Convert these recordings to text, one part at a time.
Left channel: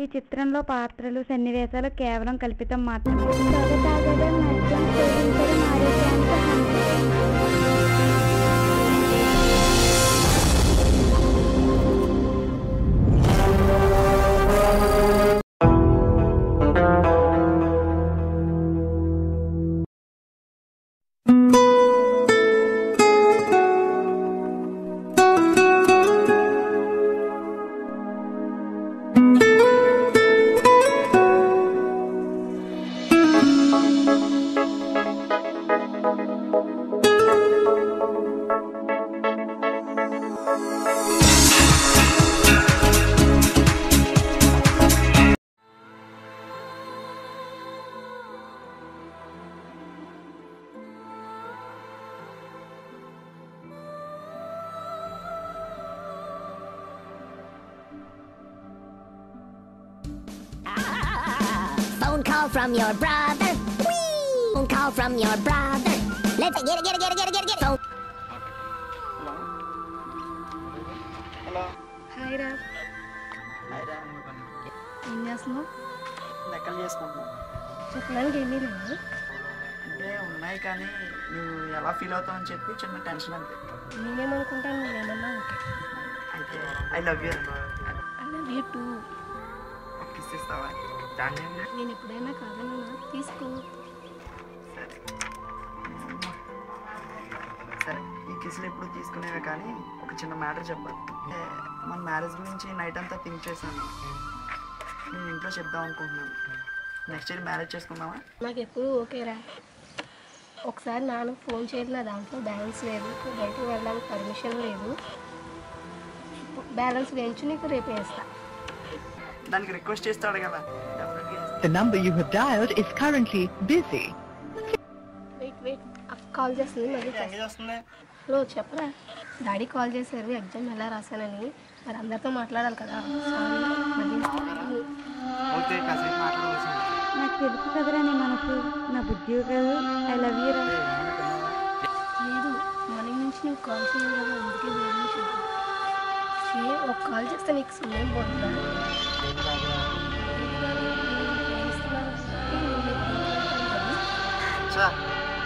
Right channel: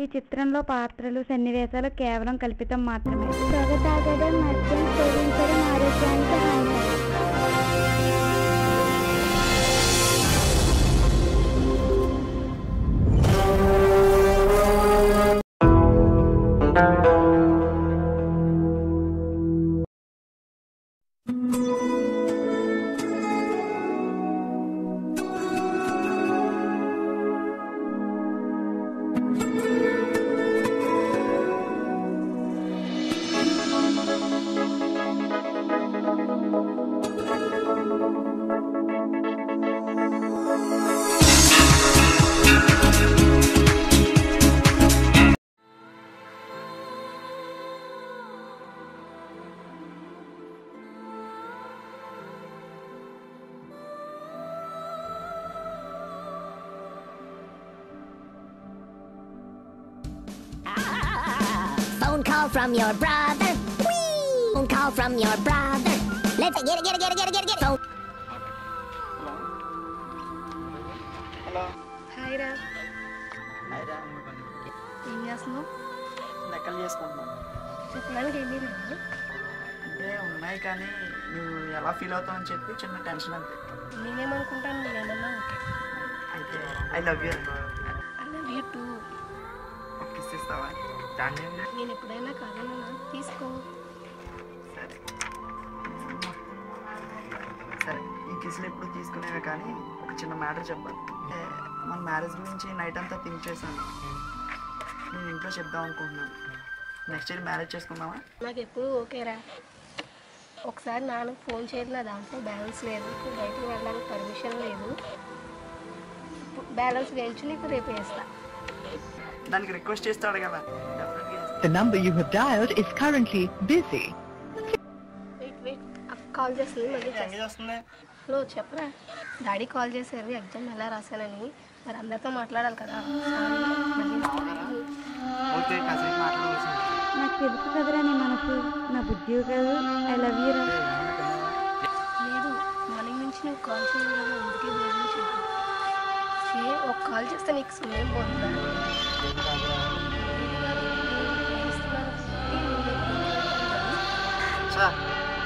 ఈ చిత్రంలో పాత్రలు సన్నివేశాలు కేవలం కల్పితం మాత్రమే. పొగ తాగడం, మద్యం సేవించడం ఆరోగ్యానికి హానికరం. Phone call from your brother. Whee! Phone call from your brother. Let's get it. Phone. Hello hi రా. హాయ్రా. ఏం చేస్తున్నావు? లెక్కలు చేసుకుంటున్నాను. చెప్పడానికి ఏమీ లేదు. అంటే ఉన్నాయి కానీ నువ్వు ఎలా ఫీల్ అవుతావు అని చెప్పి చిన్న టెన్షన్ అంతే. నేనేమనుకుంటాను, నేనేమన్నా ఓకే. అయితే I love you. I love you two. ఒక కిస్ ఇస్తావా? దాన్ని నేను ఎప్పుడైనా కాదన్నా తీసుకో. సరే సరే, ఈ కిస్లు ఎప్పుడు తీసుకునేవే కానీ ఒక చిన్న మ్యాటర్ చెప్పాలి. మన మ్యారేజ్ గురించి నైట్ అంతా థింక్ చేశాను. నేను ఇంట్లో చెప్దాం అనుకుంటున్నాను. నెక్స్ట్ ఇయర్ మ్యారేజ్ చేసుకుందామా? నాకు ఎప్పుడు ఓకేరా. ఒకసారి నాన్నకు ఫోన్ చేసిన దాంట్లో బ్యాలెన్స్ లేదు, బయటికి వెళ్ళడానికి పర్మిషన్ లేదు. బ్యాలెన్స్ వేయించి నీకు రేపు వేస్తా. దానికి రిక్వెస్ట్ చేస్తాడు కదా. The number you have dialed is currently busy. Wait call చేస్తుంది, మళ్ళీ చేస్తుంది. హలో చెప్పరా. డాడీ కాల్ చేశారు ఎగ్జామ్ ఎలా రాశానని. మరి అందరితో మాట్లాడాలి కదా. సారీ మళ్ళీ. ఓకే, కాసేపు మాట్లాడవలసింది. నాకు తెలుసు కదరా నీ మనసు, నా బుద్ధి కాదు. ఐ లవ్ యూ రా. లేదు, మార్నింగ్ నుంచి నువ్వు కాల్ చేయదు కదా, అందుకే భోజనం చేయదు. ఒక కాల్ చేస్తే నీకు సమయం పోతుందా?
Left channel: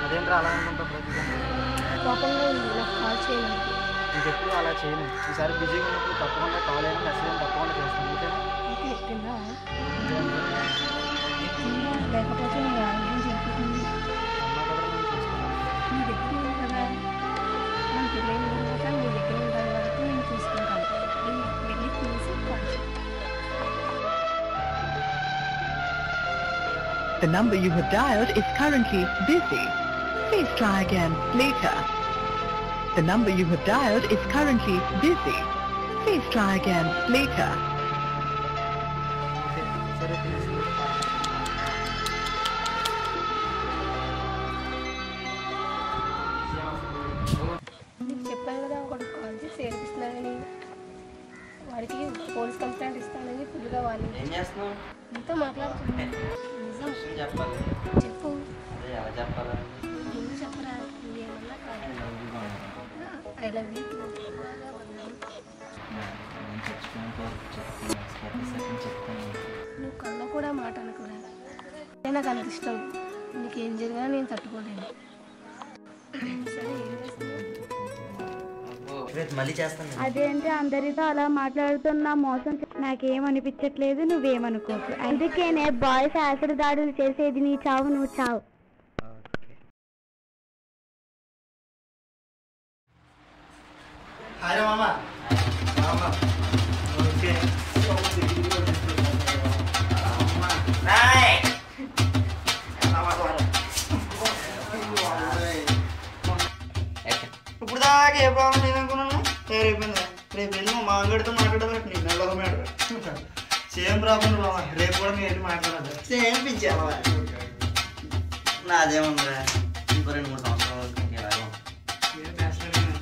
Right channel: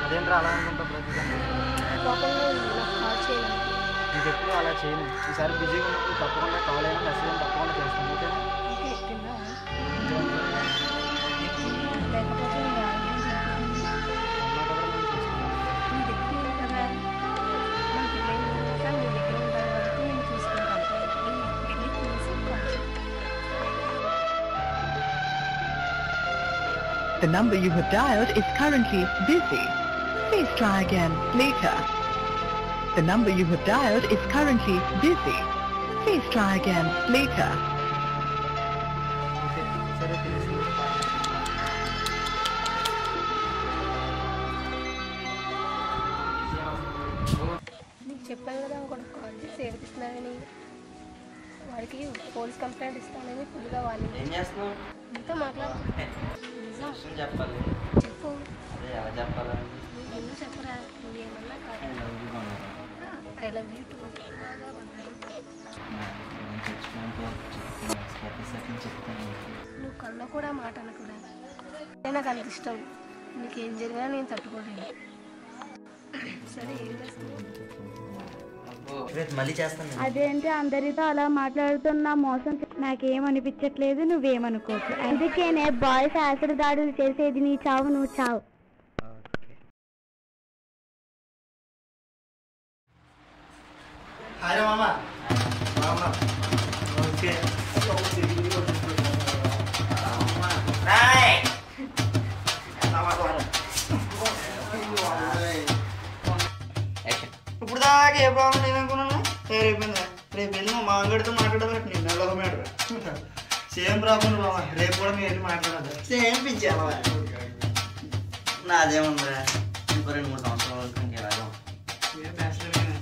అదేంట్రా అలా అనుకుంటా ప్రతిదాన్ని. కోపంగా ఉంది, నాకు కాల్ చేయలేదు. ఇంకెప్పుడు అలా చేయను. ఈసారి బిజీగా ఉన్నప్పుడు తప్పకుండా కాల్ అయినా మెసేజ్ అయినా తప్పకుండా చేస్తాను. ఓకేనా? ఓకే, తిన్నావా? లేకపోతే నీ ఆరోగ్యం చెడిపోతుంది. అమ్మా కదా నన్ను చూసుకున్నాను. నీ దగ్గర లేదు కదా. మన పెళ్ళైన తర్వాత నీ దగ్గర ఉంటాను కాబట్టి నేను చూసుకుంటాను. వెళ్ళి తీసి కాల్ చేయి. The number you have dialed is currently busy. Please try again later. The number you have dialed is currently busy. Please try again later. Okay సరే, తెలిసి నీకు చెప్పాను కదా, ఒకటి కాల్ చేసి ఏడిపిస్తున్నానని. వాడికి పోలీస్ కంప్లైంట్ ఇస్తానని ఫుల్గా వాళ్ళు. ఏం చేస్తున్నావు? నీతో మాట్లాడుతున్నా. నిజం చెప్పాలి. చెప్పు. అదే ఎలా చెప్పాలా? ముందు చెప్పరా. నువ్వేమన్నా కాదు. I love you two. నువ్వు కళ్ళ కూడా మాట అనకురా. నాకు అంత ఇష్టం. నీకేం జరిగినా నేను తట్టుకోలేను. సరే, ఏం చేస్తావు? మళ్ళీ చేస్తాను. అదేంటి అందరితో అలా మాట్లాడుతున్నా మోసం నాకేమనిపించట్లేదు, నువ్వేమనుకోకు. అందుకేనే బాయ్స్ యాసిడ్ దాడులు చేసేది. నీ చావు నువ్వు చావు. హాయ్ రా మామ. ఓకే ఇప్పుడు దాకా ఏ ప్రాబ్లం లేదనుకున్నాను. రేపు రేపు వెళ్ళి మా మామగడితో మాట్లాడాలి. నేను ఎలా మాట్లాడు సేమ్ ప్రాబ్లం బాబా. రేపు కూడా మీరు మాట్లాడాలి. సేమ్ పిచ్చావా? నాదేముందిరా, ఇంకో 2-3 సంవత్సరాల వరకు ఇంకెలాగో. A bachelor